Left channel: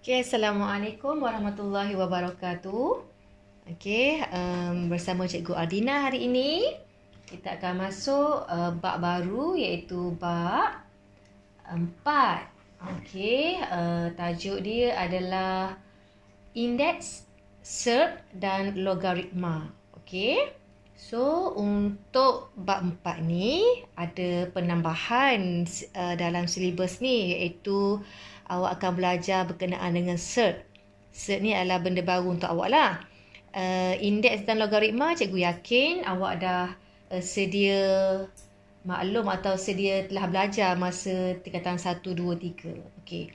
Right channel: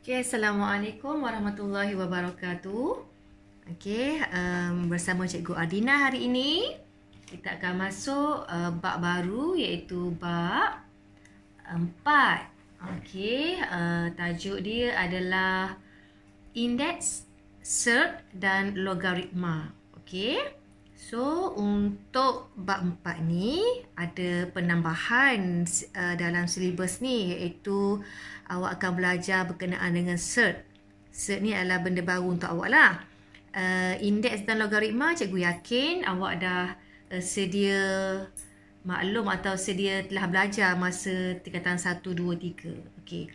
Okay, Assalamualaikum warahmatullahi wabarakatuh. Okay, bersama Cikgu Adina hari ini kita akan masuk bab baru iaitu bab 4. Okay, tajuk dia adalah indeks, cert dan logaritma. Okay, so untuk bab 4 ni ada penambahan dalam silibus ni iaitu awak akan belajar berkenaan dengan cert. Cert ni adalah benda baru untuk awak lah. Indeks dan logaritma, cikgu yakin awak dah sedia maklum atau sedia telah belajar masa tingkatan 1, 2, 3. Okey.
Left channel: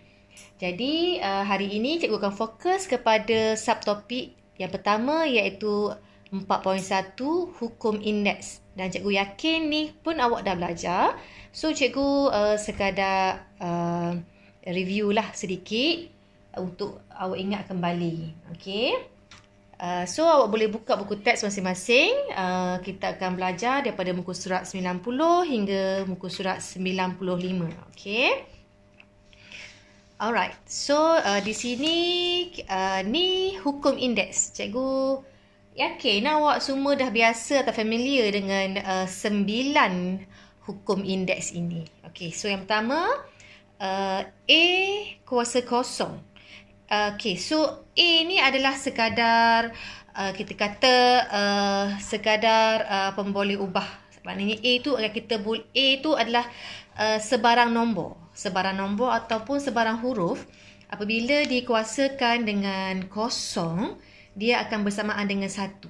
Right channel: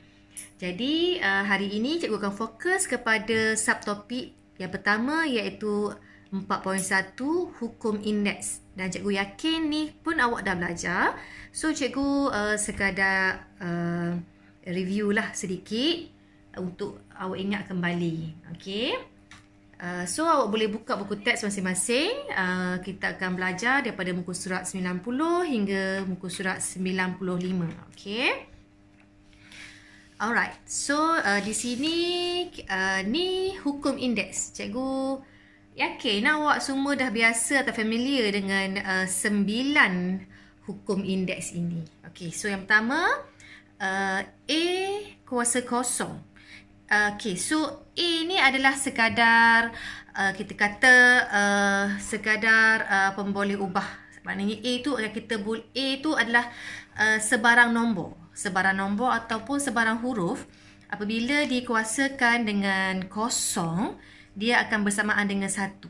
Jadi hari ini cikgu akan fokus kepada subtopik yang pertama iaitu 4.1 hukum indeks. Dan cikgu yakin ni pun awak dah belajar. So cikgu sekadar review lah sedikit untuk awak ingat kembali. Okey. So awak boleh buka buku teks masing-masing. Kita akan belajar daripada muka surat 90 hingga muka surat 95. Okey. Alright. So di sini ni hukum indeks. Cikgu yakin awak semua dah biasa atau familiar dengan 9 hukum indeks ini. Okey. So yang pertama, A kuasa kosong. Okay, so A ni adalah sekadar kita kata sekadar pemboleh ubah. Maknanya A tu adalah sebarang nombor. Sebarang nombor ataupun sebarang huruf apabila dikuasakan dengan kosong, dia akan bersamaan dengan 1.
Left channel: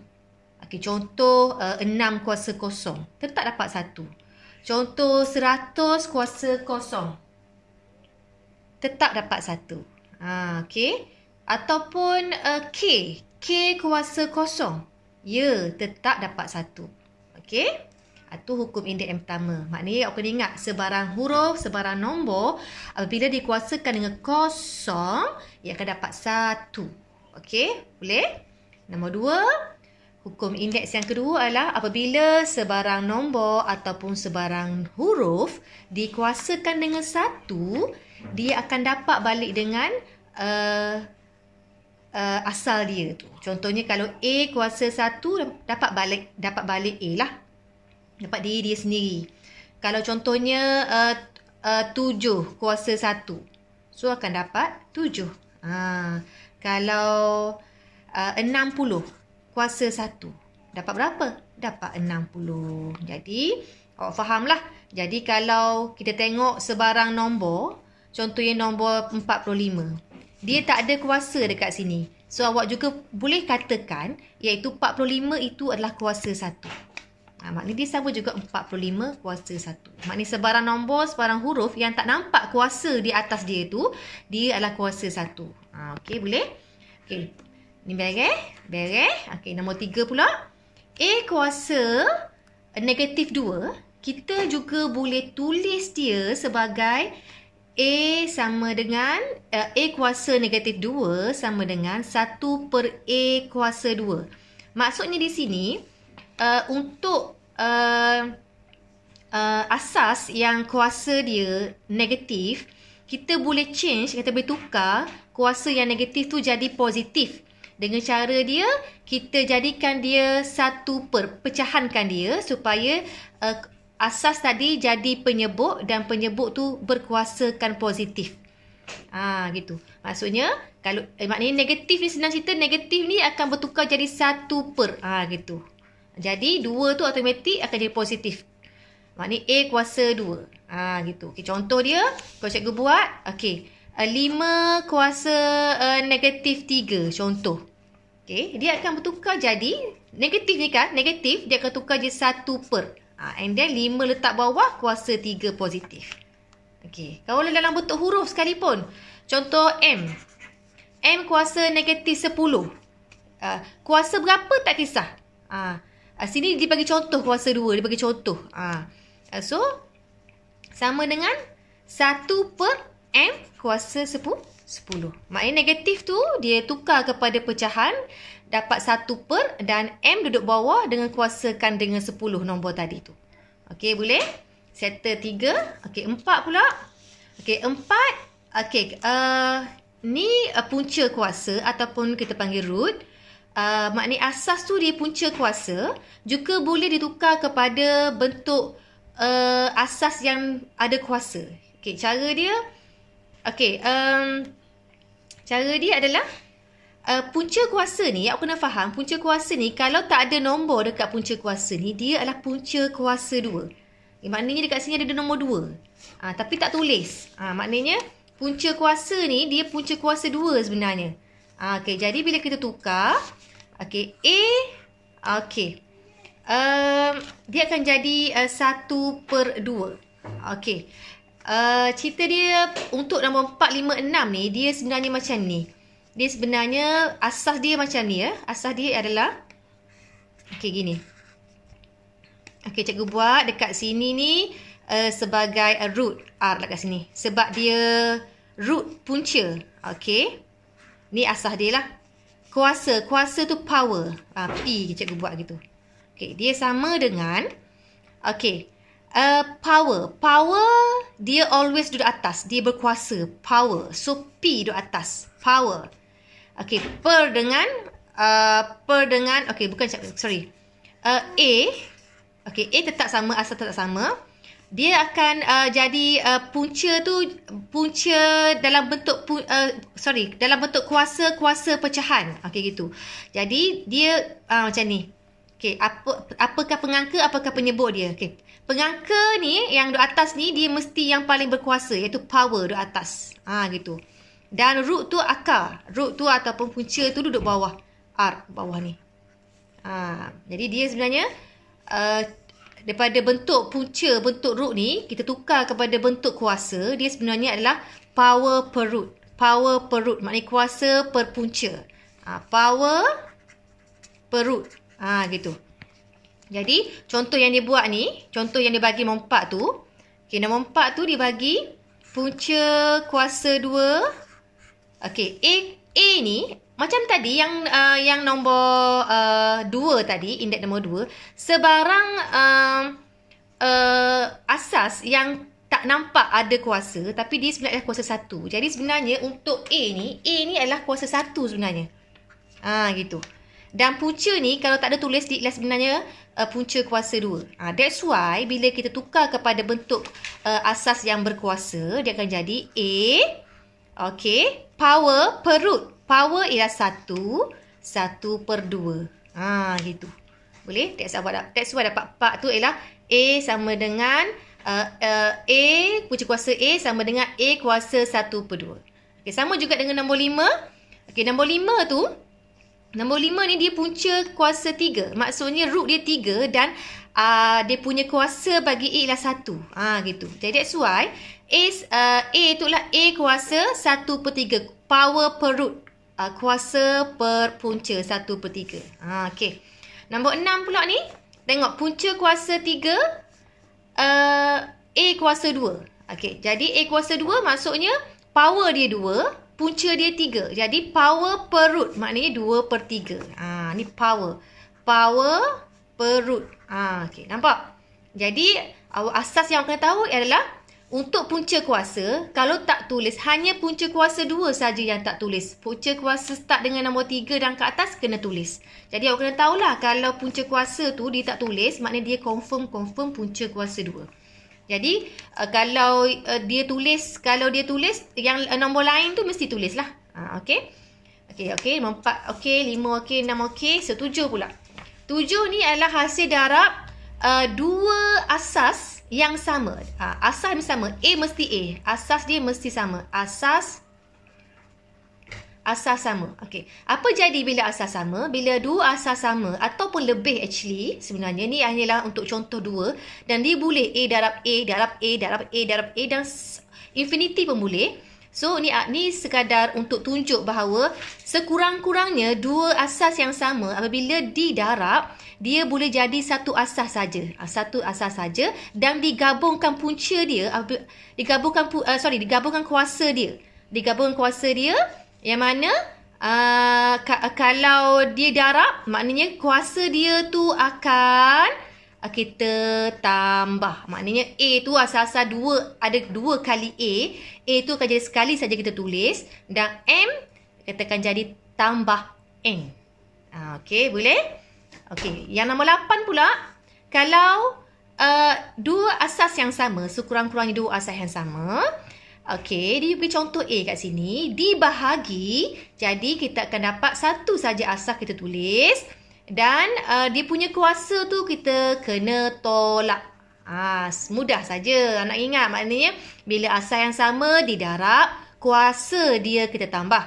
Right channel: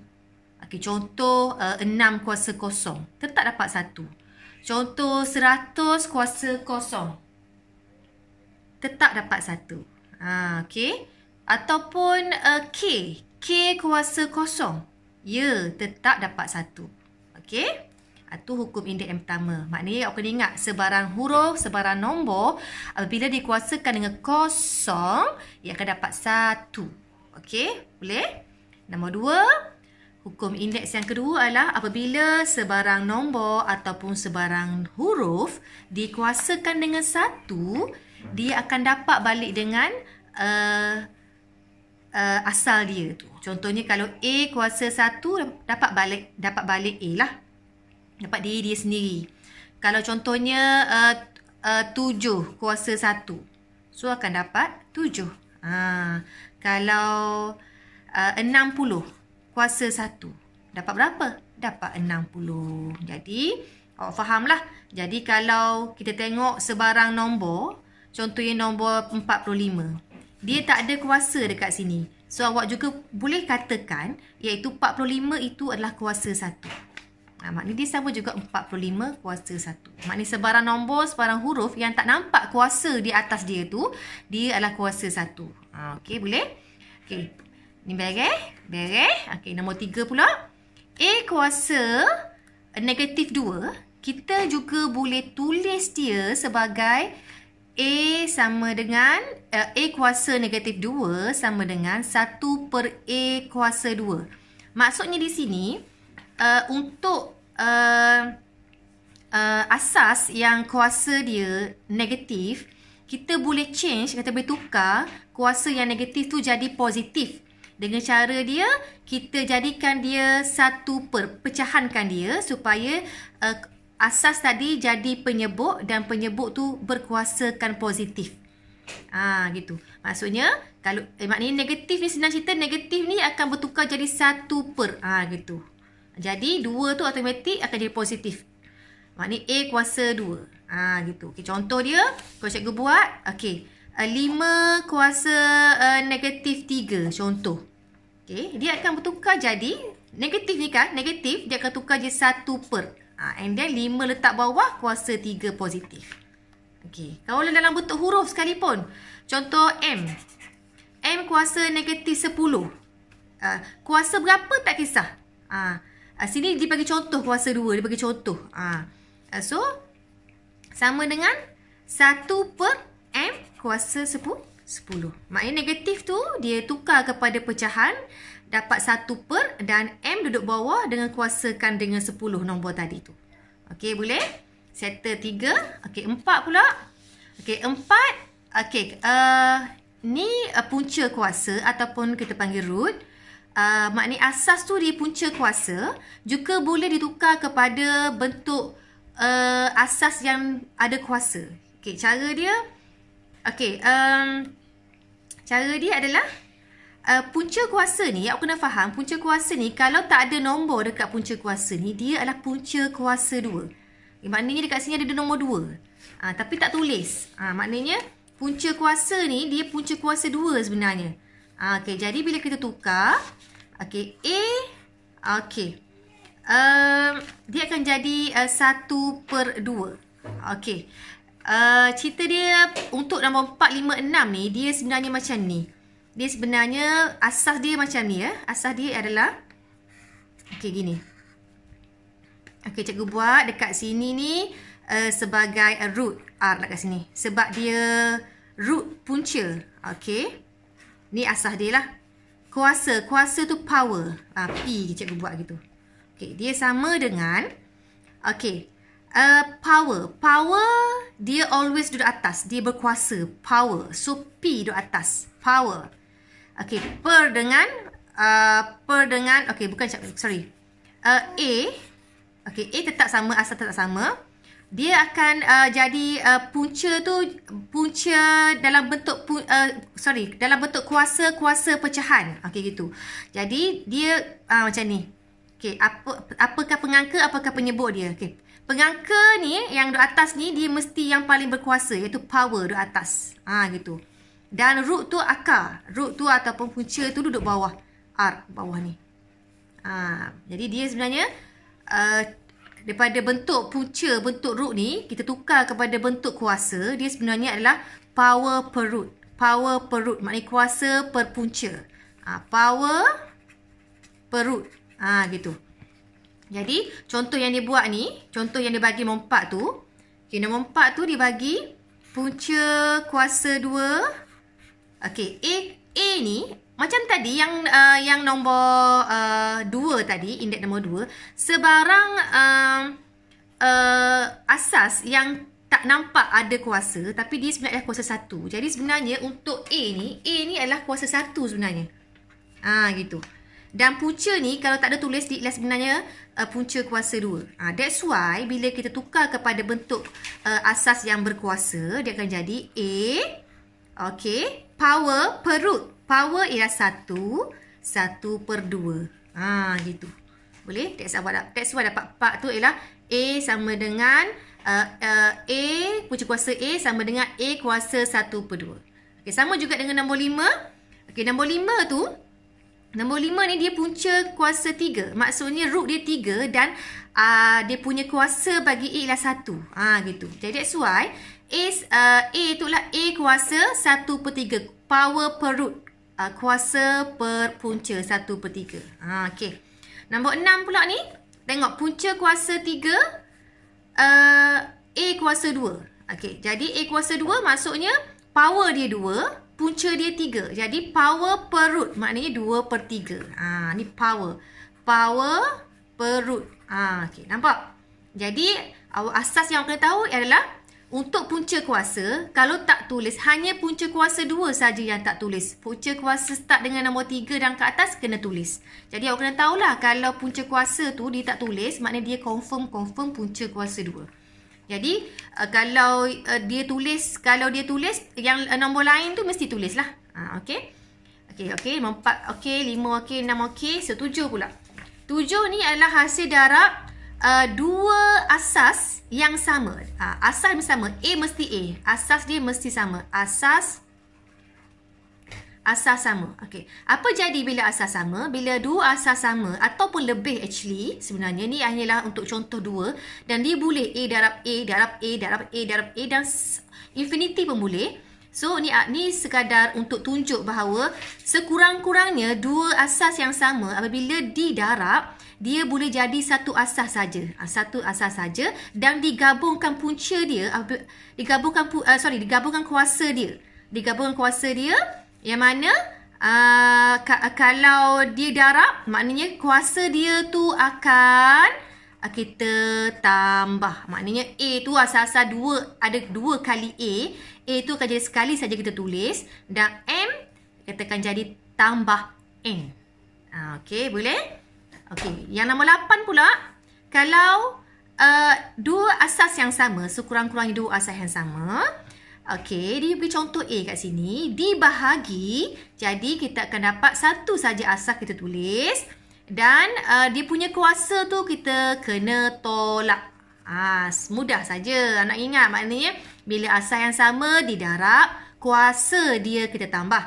Okay, contoh 6 kuasa kosong, tetap dapat 1. Contoh 100 kuasa kosong, tetap dapat 1. Okey. Ataupun K kuasa kosong. Ya, tetap dapat 1. Okey. Itu hukum indeks yang pertama. Maknanya awak kena ingat sebarang huruf, sebarang nombor apabila dikuasakan dengan kosong, ia akan dapat 1. Okey, boleh? Nombor 2, hukum indeks yang kedua adalah apabila sebarang nombor ataupun sebarang huruf dikuasakan dengan 1, dia akan dapat balik dengan asal dia tu. Contohnya kalau A kuasa 1, dapat balik A lah. Dapat diri dia sendiri. Kalau contohnya 7 kuasa 1, so akan dapat 7. Kalau 60 kuasa 1, dapat berapa? Dapat 60. Jadi awak fahamlah. Jadi kalau kita tengok sebarang nombor, contohnya nombor 45. Dia tak ada kuasa dekat sini. So awak juga boleh katakan iaitu 45 itu adalah kuasa 1. Maknanya dia sama juga 45 kuasa 1. Maknanya sebarang nombor, sebarang huruf yang tak nampak kuasa di atas dia tu, dia adalah kuasa 1. Okey, boleh? Okey. Ni beres? Beres. Okey, nombor 3 pula. A kuasa negatif 2. Kita juga boleh tulis dia sebagai A sama dengan A kuasa negatif 2 sama dengan 1 per A kuasa 2. Maksudnya di sini untuk asas yang kuasa dia negatif, kita boleh change, kita boleh tukar kuasa yang negatif tu jadi positif. Dengan cara dia, kita jadikan dia 1 per, pecahankan dia supaya asas tadi jadi penyebut dan penyebut tu berkuasakan positif. Gitu. Maksudnya kalau maknanya negatif ni, senang cerita negatif ni akan bertukar jadi 1 per. Gitu. Jadi 2 tu automatik akan jadi positif. Maknanya A kuasa 2. Gitu. Okay, contoh dia kalau cikgu buat, okey, 5 kuasa negatif 3 contoh. Okey, dia akan bertukar jadi negatif ni kan, negatif dia akan tukar jadi 1 per. And then 5 letak bawah, kuasa 3 positif. Okey. Kalau dalam bentuk huruf sekalipun. Contoh M. M kuasa negatif 10. Kuasa berapa tak kisah. Sini dia bagi contoh kuasa 2. Dia bagi contoh. So, sama dengan 1 per M kuasa 10. Maknanya negatif tu dia tukar kepada pecahan. Dapat 1 per dan M duduk bawah dengan kuasakan dengan 10 nombor tadi tu. Okey, boleh? Settle 3. Okey, 4 pula. Okey, 4. Okey, ni punca kuasa ataupun kita panggil root. Maknanya asas tu dia punca kuasa, juga boleh ditukar kepada bentuk asas yang ada kuasa. Okey, cara dia cara dia adalah punca kuasa ni, awak kena faham, punca kuasa ni kalau tak ada nombor dekat punca kuasa ni, dia adalah punca kuasa 2. Maknanya dekat sini ada nombor 2. Tapi tak tulis. Maknanya punca kuasa ni dia punca kuasa 2 sebenarnya. Okey, jadi bila kita tukar, okey, dia akan jadi 1/2. Okey. Cerita dia untuk nombor 4, 5, 6 ni, dia sebenarnya macam ni. Dia sebenarnya asas dia macam ni ya. Asas dia adalah gini. Cikgu buat dekat sini ni sebagai root R dekat sini. Sebab dia root punca. Okey. Ni asas dia lah. Kuasa tu power. P cikgu buat gitu. Okey, dia sama dengan power dia always duduk atas. Dia berkuasa. Power. So P duduk atas. Power. Okey, per dengan bukan, sorry. A. Okey, A tetap sama, asal tetap sama. Dia akan jadi punca tu, punca dalam bentuk dalam bentuk kuasa pecahan. Okey, gitu. Jadi dia macam ni. Okey, apakah pengangka, apakah penyebut dia? Okey. Pengangka ni yang duduk atas ni dia mesti yang paling berkuasa, iaitu power duduk atas. Gitu. Dan root tu akar. Root tu ataupun punca tu duduk bawah. R bawah ni. Jadi dia sebenarnya daripada bentuk punca, bentuk root ni, kita tukar kepada bentuk kuasa. Dia sebenarnya adalah power per root. Power per root. Maknanya kuasa per punca. Power per root. Gitu. Jadi contoh yang dia buat ni, contoh yang dia bagi nombor 4 tu. Okay, nombor 4 tu dia bagi punca kuasa 2. Okey, A ni macam tadi yang nombor 2 tadi, indeks nombor 2, sebarang asas yang tak nampak ada kuasa, tapi dia sebenarnya adalah kuasa 1. Jadi sebenarnya untuk A ni adalah kuasa 1 sebenarnya. Gitu. Dan punca ni kalau tak ada tulis dia sebenarnya punca kuasa 2. That's why bila kita tukar kepada bentuk asas yang berkuasa, dia akan jadi A, power per root. Power ialah 1/2. Gitu. Boleh? That's why dapat 4 tu ialah A sama dengan A, punca kuasa A sama dengan A kuasa 1/2. Okay, sama juga dengan nombor 5. Okay, nombor 5 tu, nombor 5 ni dia punca kuasa 3. Maksudnya root dia 3 dan dia punya kuasa bagi A ialah 1. Gitu. Jadi that's why A tu lah A kuasa 1/3. Power per root. Kuasa per punca 1/3. Okay. Nombor 6 pula ni. Tengok punca kuasa 3. A kuasa 2. Okay. Jadi A kuasa 2 maksudnya power dia 2. Punca dia 3. Jadi power per root. Maknanya 2/3. Ni power. Power per root. Okay. Nampak? Jadi asas yang kena tahu adalah untuk punca kuasa, kalau tak tulis, hanya punca kuasa 2 saja yang tak tulis. Punca kuasa start dengan nombor 3 dan ke atas kena tulis. Jadi awak kena tahulah kalau punca kuasa tu dia tak tulis, maknanya dia confirm punca kuasa 2. Jadi kalau dia tulis yang nombor lain tu mesti tulislah. Okey. Okey, 4 okey, 5 okey, 6 okey, 7 pula. 7 ni adalah hasil darab dua asas yang sama. Asas yang sama. A mesti A. Asas dia mesti sama. Asas sama. Okey. Apa jadi bila asas sama? Bila dua asas sama ataupun lebih actually, sebenarnya ni hanyalah untuk contoh 2 dan dia boleh A darab A darab A darab A darab A dan infinity pun boleh. So ni sekadar untuk tunjuk bahawa sekurang-kurangnya dua asas yang sama apabila didarab, dia boleh jadi satu asas saja. Satu asas saja dan digabungkan punca dia, digabungkan kuasa dia. Digabungkan kuasa dia yang mana kalau dia darab, maknanya kuasa dia tu akan kita tambah. Maknanya A tu asas-asas 2, ada 2 kali A. A tu akan jadi sekali saja kita tulis dan M katakan jadi tambah N. Okey, boleh? Okey, yang nombor 8 pula, kalau dua asas yang sama, sekurang-kurangnya dua asas yang sama. Okey, dia beri contoh A kat sini, dibahagi, jadi kita akan dapat satu saja asas kita tulis dan dia punya kuasa tu kita kena tolak. Mudah saja nak ingat, maknanya bila asas yang sama didarab, kuasa dia kita tambah.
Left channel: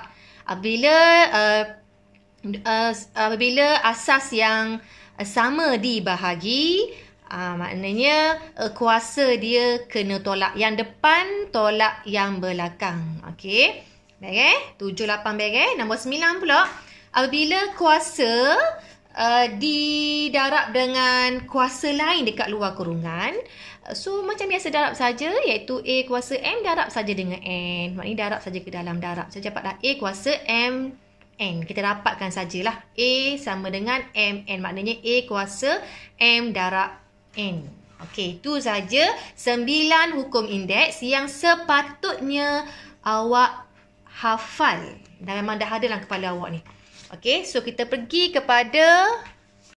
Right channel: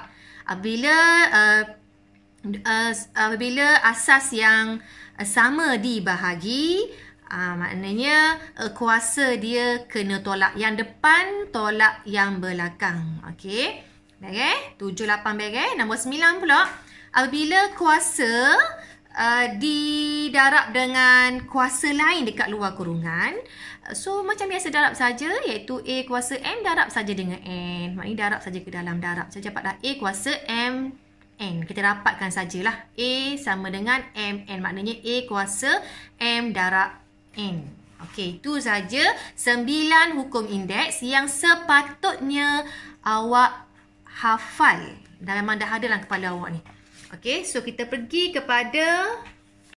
Apabila asas yang sama dibahagi, maknanya kuasa dia kena tolak yang depan, tolak yang belakang. Okey. Baik, 7, 8 baik. Nombor 9 pula, apabila kuasa didarab dengan kuasa lain dekat luar kurungan, so macam biasa darab saja, iaitu A kuasa M darab saja dengan N. Maknanya darab saja ke dalam, darab saja dapatlah A kuasa M N. Kita dapatkan sajalah A sama dengan M N. Maknanya A kuasa M darab N. Okey, itu saja 9 hukum indeks yang sepatutnya awak hafal. Memang dah ada dalam kepala awak ni. Okey, so kita pergi kepada